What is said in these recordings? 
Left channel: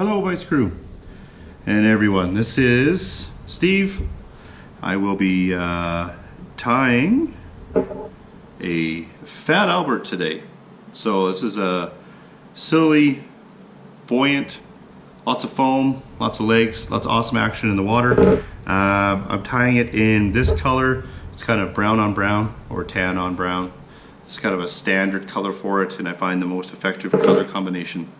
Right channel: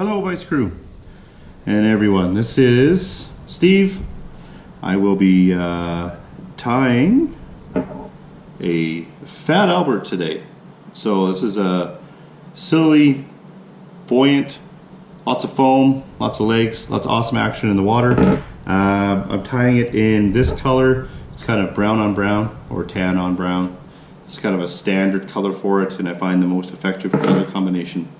Hello Vise crew and everyone, this is Steve. I will be tying a Fat Albert today. So this is a silly, buoyant, lots of foam, lots of legs, lots of awesome action in the water. I'm tying it in this color. It's kind of brown on brown or tan on brown. It's kind of a standard color for it, and I find the most effective color combination.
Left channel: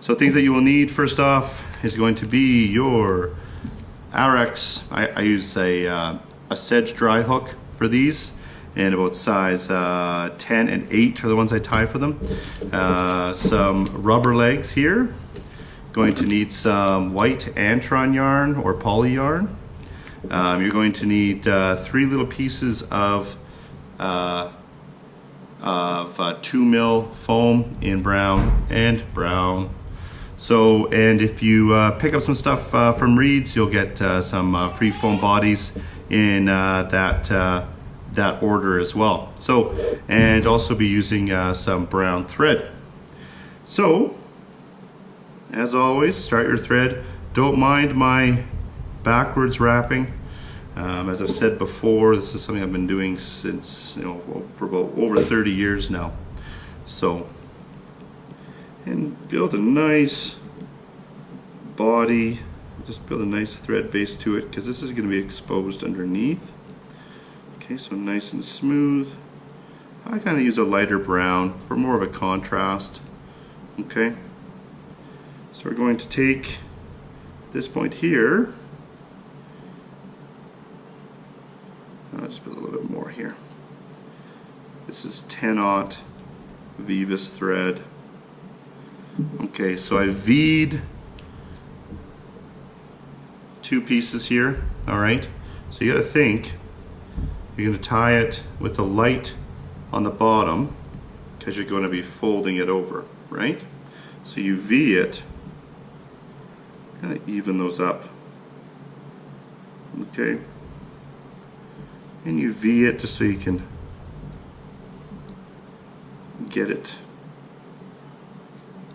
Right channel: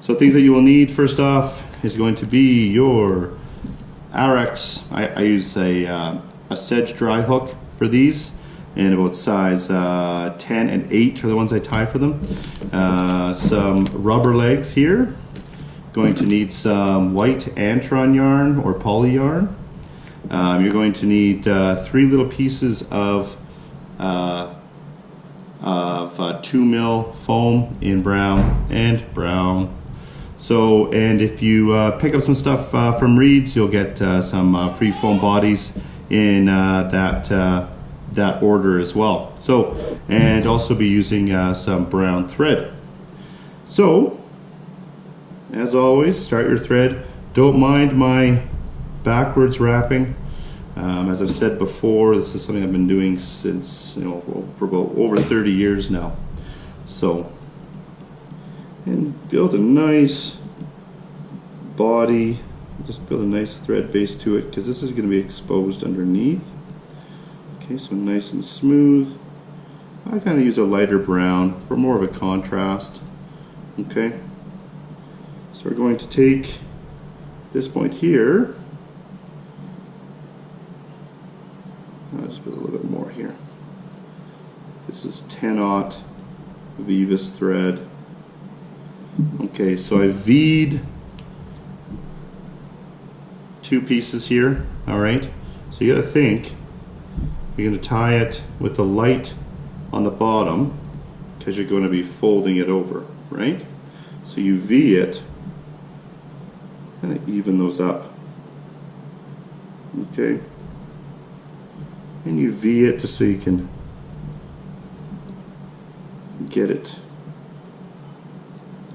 So things that you will need first off is going to be your RX. I use a sedge dry hook for these, and about size 10 and 8 are the ones I tie for them. Some rubber legs here. Going to need some white Antron yarn or poly yarn. You're going to need 3 little pieces of 2 mil foam in brown and brown. So, and if you pick up some stuff from Reed's, you'll get some free foam bodies in that order as well. So, and also be using some brown thread. So, as always, start your thread. Don't mind my backwards wrapping. As I've said before, this is something I've been doing since, for about over 30 years now. So, and build a nice body, just build a nice thread base to it, because this is going to be exposed underneath. Okay, so nice and smooth. I kind of use a lighter brown for more of a contrast. Okay, so we're going to take this point here. I'll just put a little bit more here. This is 10/0 Vise thread. Okay, so I V'd 2 pieces here. All right, so you got to think you're going to tie it with the light on the bottom because you're going to be folding it over, right? So you V it, kind of even those up. Okay, and you V it just so you can get it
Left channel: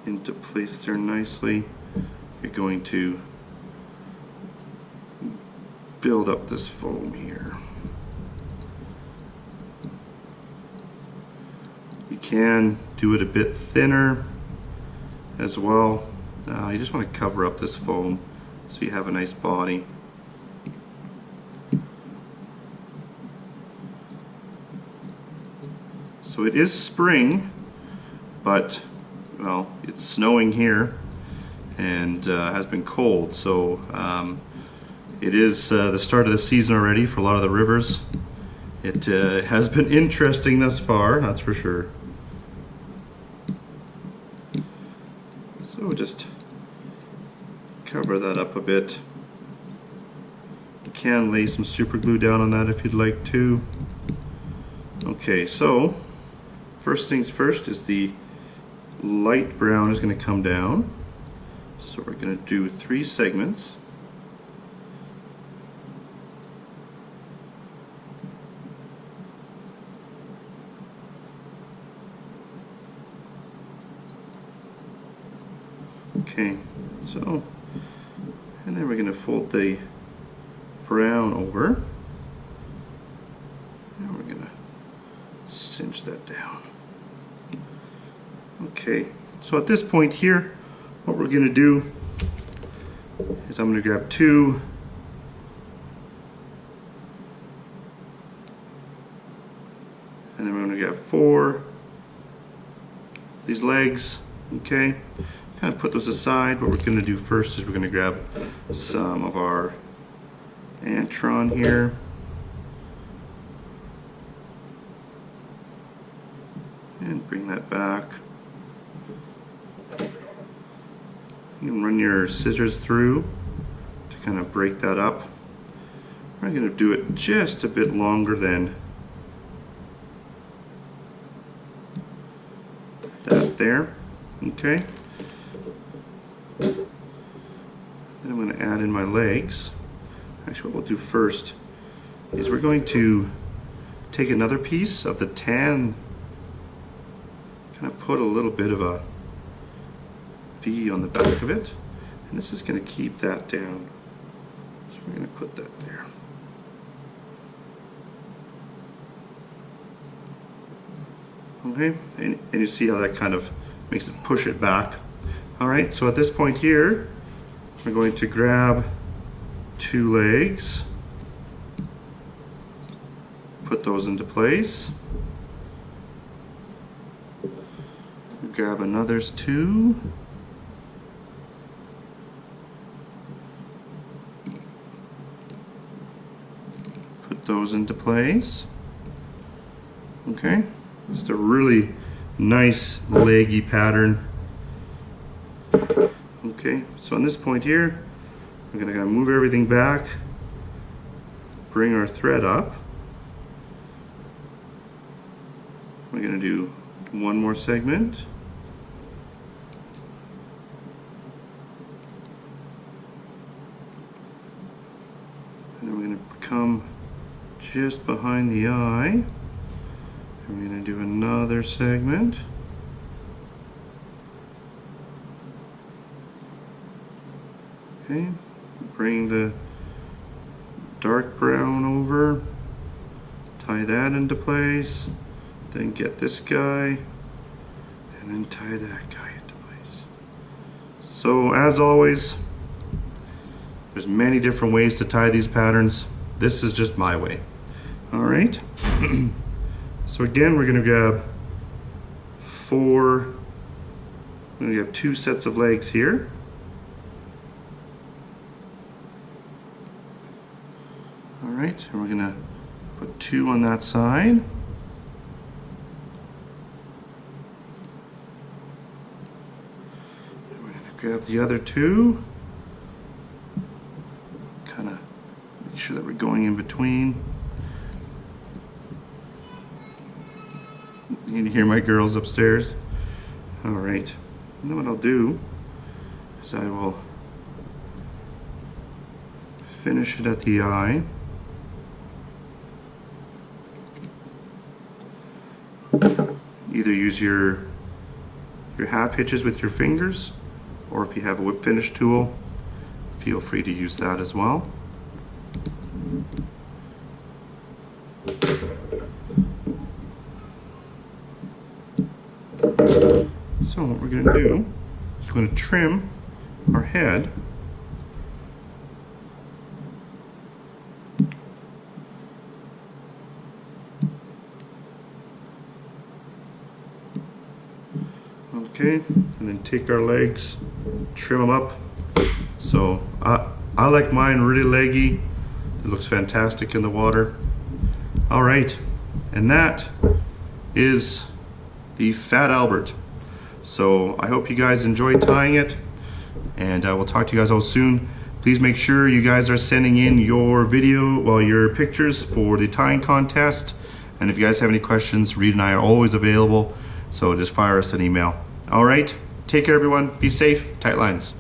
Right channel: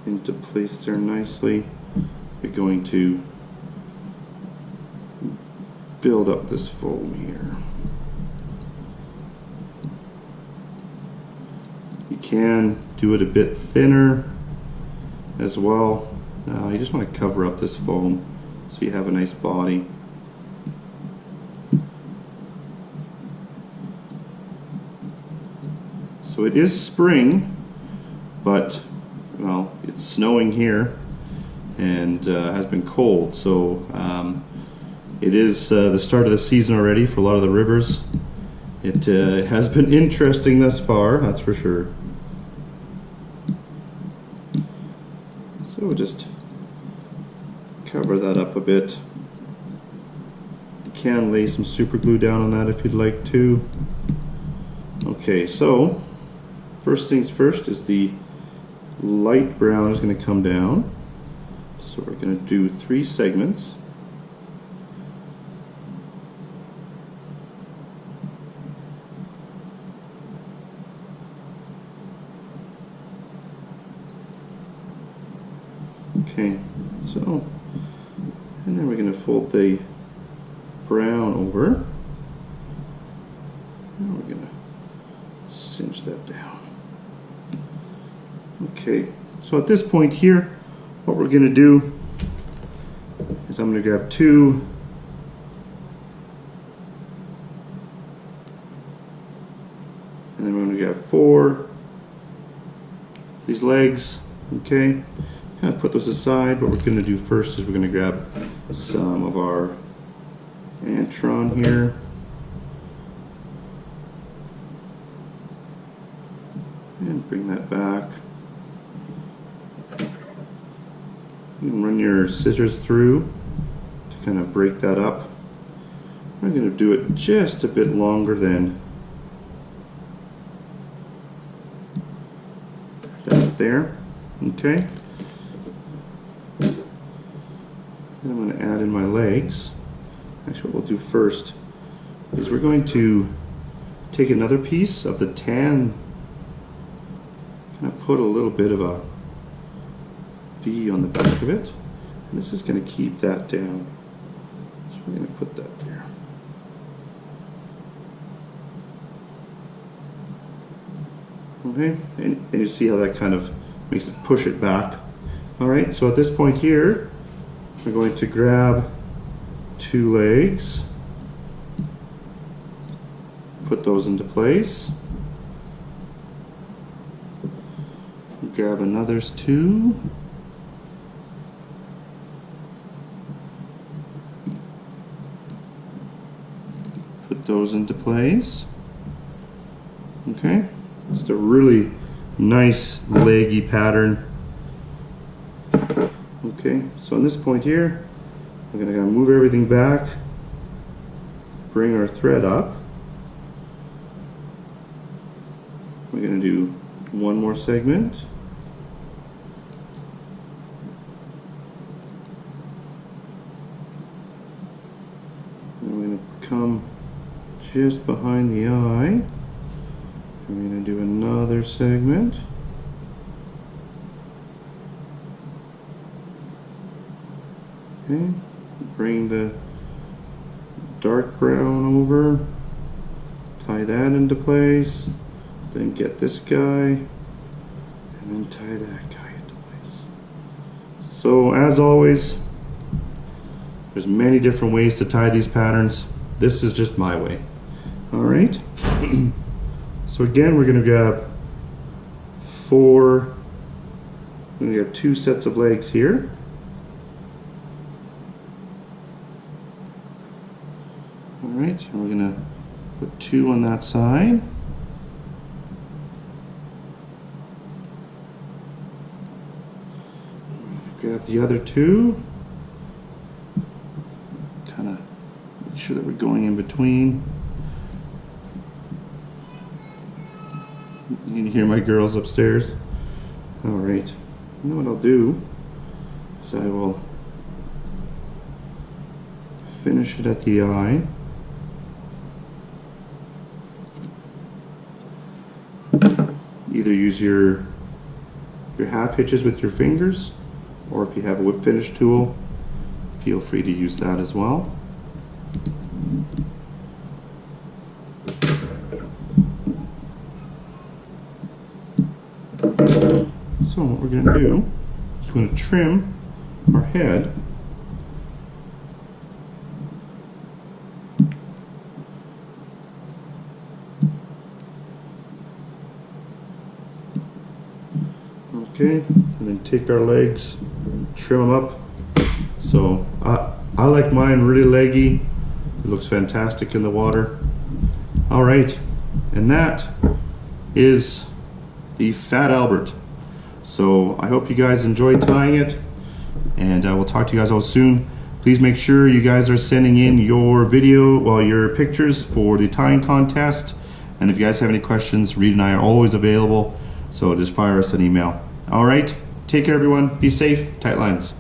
into place there nicely. You're going to build up this foam here. You can do it a bit thinner as well. You just want to cover up this foam so you have a nice body. So it is spring, but well, it's snowing here and has been cold, so it is the start of the season already for a lot of the rivers. It has been interesting thus far, that's for sure. So just cover that up a bit. You can lay some super glue down on that if you'd like to. Okay, so first things first is the light brown is going to come down. So we're going to do 3 segments. Okay, so, and then we're going to fold the brown over, and we're going to cinch that down. Okay, so at this point here, what we're going to do is I'm going to grab 2 and then we're going to grab 4 these legs. Okay, kind of put those aside. What we're going to do first is we're going to grab some of our Antron here. And bring that back. You can run your scissors through to kind of break that up. We're going to do it just a bit longer than that there. Okay. Then I'm going to add in my legs. Actually, what we'll do first is we're going to take another piece of the tan, kind of put a little bit of a V on the back of it, And this is going to keep that down. So we're going to put that there. Okay, and you see how that kind of makes it push it back. All right, so at this point here, we're going to grab 2 legs, put those into place. Grab another 2. Put those into place. Okay, just a really nice leggy pattern. Okay, so on this point here, we're going to move everything back, bring our thread up. We're going to do one more segment. And then we're going to come just behind the eye. And we're going to do another segment. Okay, bring the dark brown over, tie that into place, then get this guy, and then tie that guy into place. So as always, there's many different ways to tie these patterns. This is just my way. All right. So again, we're going to grab 4, we're going to have 2 sets of legs here. All right, and we're going to put 2 on that side. And we're going to grab the other 2. Kind of make sure that we're going in between. You can hear my girls upstairs. All right, and then what I'll do is I will finish it at the eye. Either use your half hitches with your fingers, or if you have a whip finish tool, feel free to use that as well. So what we're going to do is we're going to trim our head. Okay, and then take our legs, trim them up. So I like mine really leggy. It looks fantastic in the water. All right, and that is the Fat Albert. So I hope you guys enjoyed tying it, and I will talk to you guys all soon. Please make sure you guys are sending in your video, well, your pictures for the tying contest. And if you guys have any questions, Reed and I are always available. So just fire us an email. All right, take care everyone, be safe, tight lines.